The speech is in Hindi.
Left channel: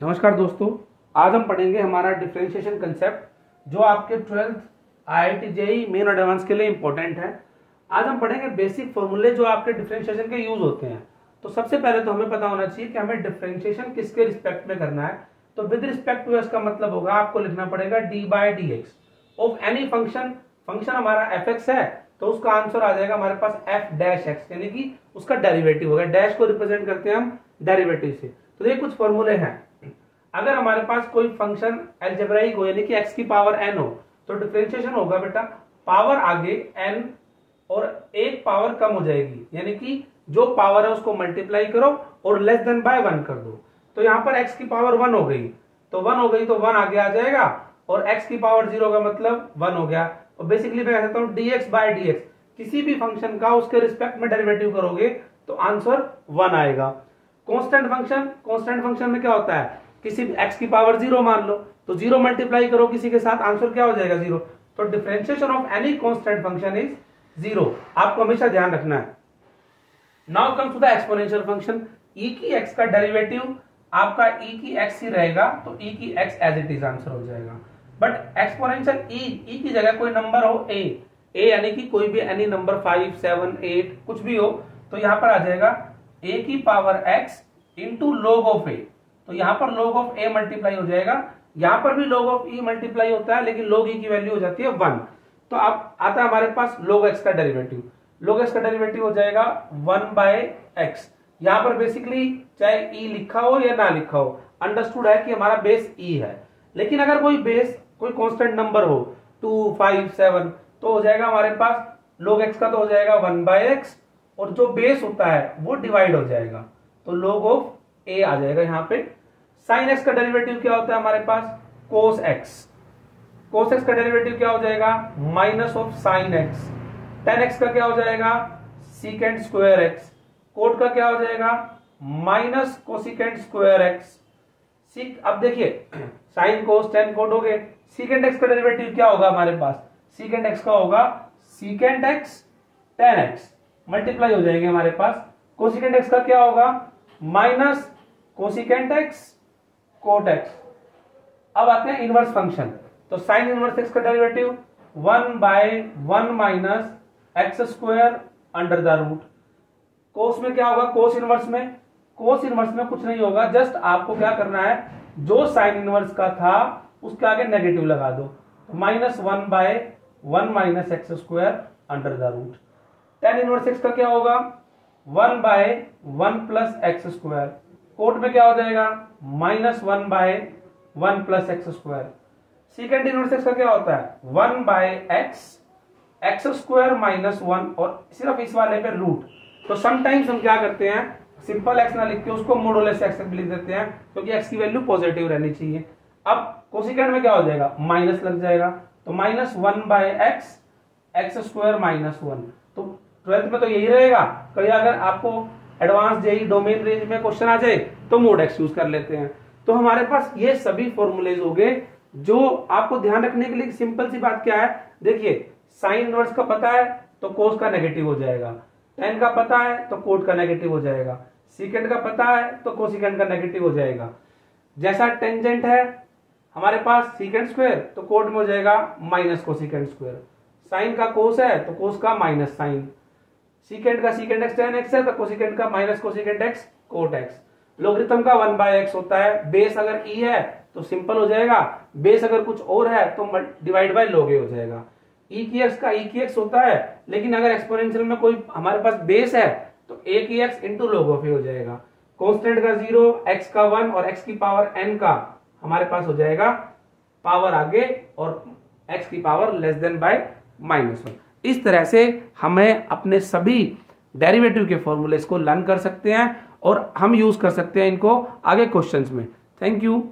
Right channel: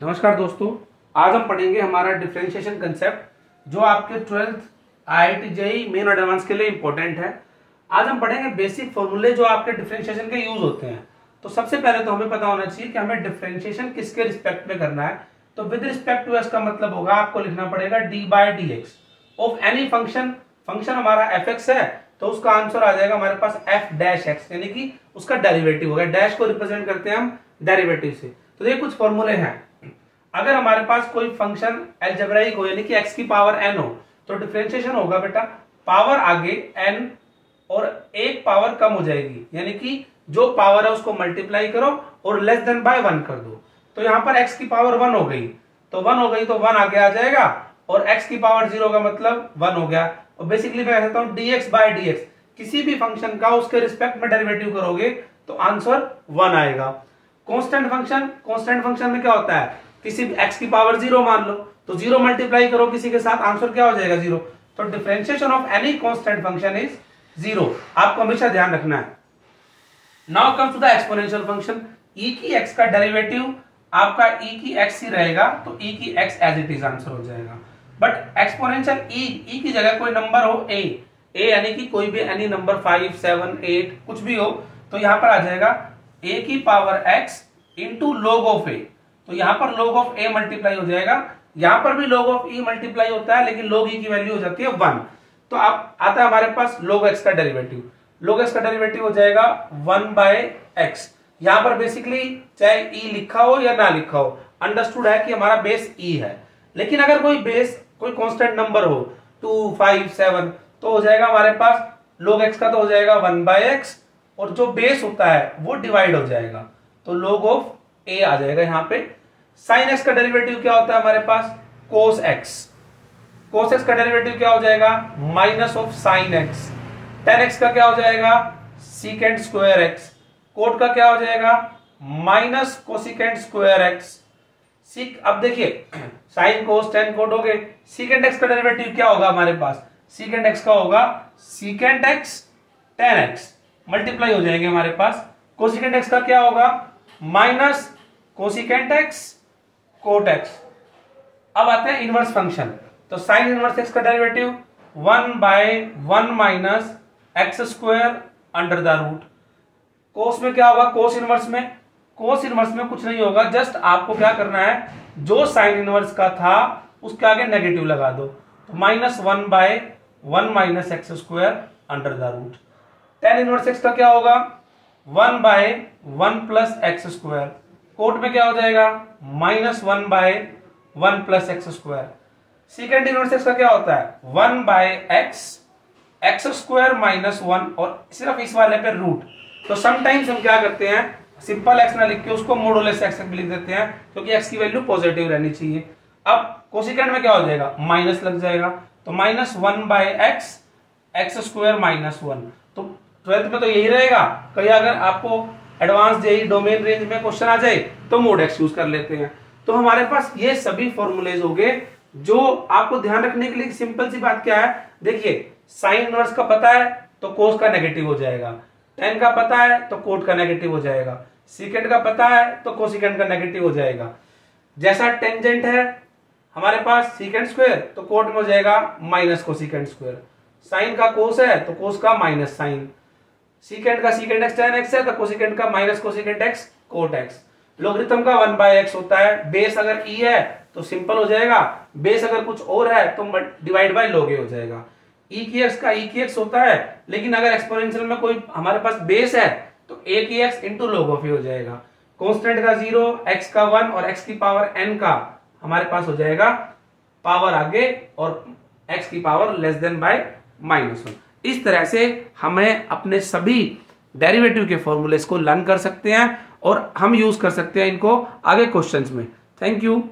नमस्कार दोस्तों, आज हम पढ़ेंगे हमारा डिफरेंशिएशन कंसेप्ट जो आपके 12th IIT जेईई मेन और एडवांस के लिए इंपॉर्टेंट है। आज हम पढ़ेंगे बेसिक फॉर्मूले जो आपके डिफरेंशिएशन के यूज होते हैं। तो सबसे पहले तो हमें पता होना चाहिए कि हमें डिफरेंशिएशन किसके रिस्पेक्ट में करना है। तो विद रिस्पेक्ट टू एक्स का मतलब होगा आपको लिखना पड़ेगा D by D X of any function. Function हमारा एफ एक्स है तो उसका आंसर आ जाएगा हमारे पास एफ डैश एक्स, यानी कि उसका डेरिवेटिव होगा। डैश को रिप्रेजेंट करते हैं हम डेरिवेटिव से। तो ये कुछ फॉर्मूले हैं। अगर हमारे पास कोई फंक्शन अलजेब्राइक हो यानी कि x की पावर n हो तो डिफरेंशिएशन होगा बेटा पावर आगे n और एक पावर कम हो जाएगी, यानी कि जो पावर है उसको मल्टीप्लाई करो और लेस देन बाय 1 कर दो। तो यहाँ पर x की पावर 1 हो गई तो 1 हो गई तो 1 आगे आ जाएगा और x की पावर 0 का मतलब 1 हो गया। और बेसिकली मैं कहता हूँ dx बाय dx, किसी भी फंक्शन का उसके रिस्पेक्ट में डेरिवेटिव करोगे तो आंसर 1 आएगा। कांस्टेंट फंक्शन में क्या होता है, किसी x की पावर 0 मान लो तो 0 मल्टीप्लाई करो किसी के साथ, आंसर क्या हो जाएगा 0। तो differentiation of any constant function is 0, आपको हमेशा ध्यान रखना है। Now comes to the exponential function. e की x का डेरिवेटिव आपका e की x ही रहेगा तो e की x as it is answer हो जाएगा। बट एक्सपोनेंशियल e की जगह कोई नंबर हो a यानी कि कोई भी एनी नंबर 5 7 8 कुछ भी हो तो यहां पर आ जाएगा a की power x into log of a। तो यहां पर log ऑफ a मल्टीप्लाई हो जाएगा, यहां पर भी log ऑफ e मल्टीप्लाई होता है लेकिन log e की वैल्यू हो जाती है 1। तो अब आता है हमारे पास log x का डेरिवेटिव। log x का डेरिवेटिव हो जाएगा 1 बाय x। यहां पर बेसिकली चाहे e लिखा हो या ना लिखा हो, अंडरस्टूड है कि हमारा बेस e है। लेकिन अगर कोई बेस कोई कांस्टेंट नंबर हो 2 5 7 तो हो जाएगा हमारे पास log x का तो हो जाएगा 1 बाय x और जो बेस होता है वो डिवाइड हो जाएगा तो log ऑफ a आ जाएगा। यहाँ पे साइन x का डेरिवेटिव क्या होता है हमारे पास cos x। cos x का डेरिवेटिव क्या हो जाएगा minus of sine x। tan x का क्या हो जाएगा सीकेंट स्क्वायर x। कोट का क्या हो जाएगा माइनस कोसिकेंट स्क्वायर x। अब देखिए साइन कोस tan कोट हो गए। सीकेंट x का डेरिवेटिव क्या होगा हमारे पास, सीकेंट x का होगा secant x tan x multiply हो जाएंगे हमारे पास। कोसिकेंट x का क्या होगा minus cosecant x cot x। अब आते हैं इनवर्स फंक्शन। तो साइन इनवर्स x का derivative 1 by 1 minus x square under the root. Cos में क्या होगा, कोस इनवर्स में कुछ नहीं होगा, जस्ट आपको क्या करना है जो साइन इनवर्स का था उसके आगे नेगेटिव लगा दो। तो minus 1 by 1 minus x square under the root. Tan inverse x का क्या होगा 1 by 1 plus X square. Cot में क्या हो जाएगा minus 1 by 1 plus X square. Secant inverse x का क्या होता है 1 बाय एक्स स्क्वायर माइनस 1 और सिर्फ इस वाले पे रूट। तो समटाइम्स हम क्या करते हैं सिंपल x ना लिख के उसको मोडुलस x लिख देते हैं क्योंकि x की वैल्यू पॉजिटिव रहनी चाहिए। अब कोसिकेंट में क्या हो जाएगा माइनस लग जाएगा तो minus 1 by X square minus 1। तो 12th में तो यही रहेगा। कहीं अगर आपको एडवांस जेईई डोमेन रेंज में क्वेश्चन आ जाए तो मोड एक्स यूज कर लेते हैं। तो हमारे पास ये सभी फॉर्मूलेज हो गए जो आपको ध्यान रखने के लिए। सिंपल सी बात क्या है, देखिए साइन इनवर्स का पता है तो कोस का नेगेटिव हो जाएगा, टेन का पता है तो कोट का नेगेटिव हो जाएगा, सीकेंट का पता है तो कोसिकेंट का नेगेटिव हो जाएगा। जैसा टेंजेंट है हमारे पास सीकेंट स्क्वायर तो कोट में हो जाएगा माइनस कोसिकेंट स्क्वायर। साइन का कोस है तो कोस का माइनस साइन। सीकेंट का सीकेंट एक्स tan x है तो कोसिकेंट का minus cosecant x cot x। Logarithm का 1 बाय x होता है। बेस अगर e है तो सिंपल हो जाएगा, बेस अगर कुछ और है तो डिवाइड बाय log a हो जाएगा। e की x का e की x होता है, लेकिन अगर एक्सपोनेंशियल में कोई हमारे पास बेस है तो a की x into log of a हो जाएगा। कांस्टेंट का 0, x का 1 और x की पावर n का हमारे पास हो जाएगा पावर आगे और x की power less than bye minus 1। इस तरह से हमें अपने सभी डेरिवेटिव के फॉर्मूलेस को लर्न कर सकते हैं और हम यूज कर सकते हैं इनको आगे क्वेश्चंस में। Thank you.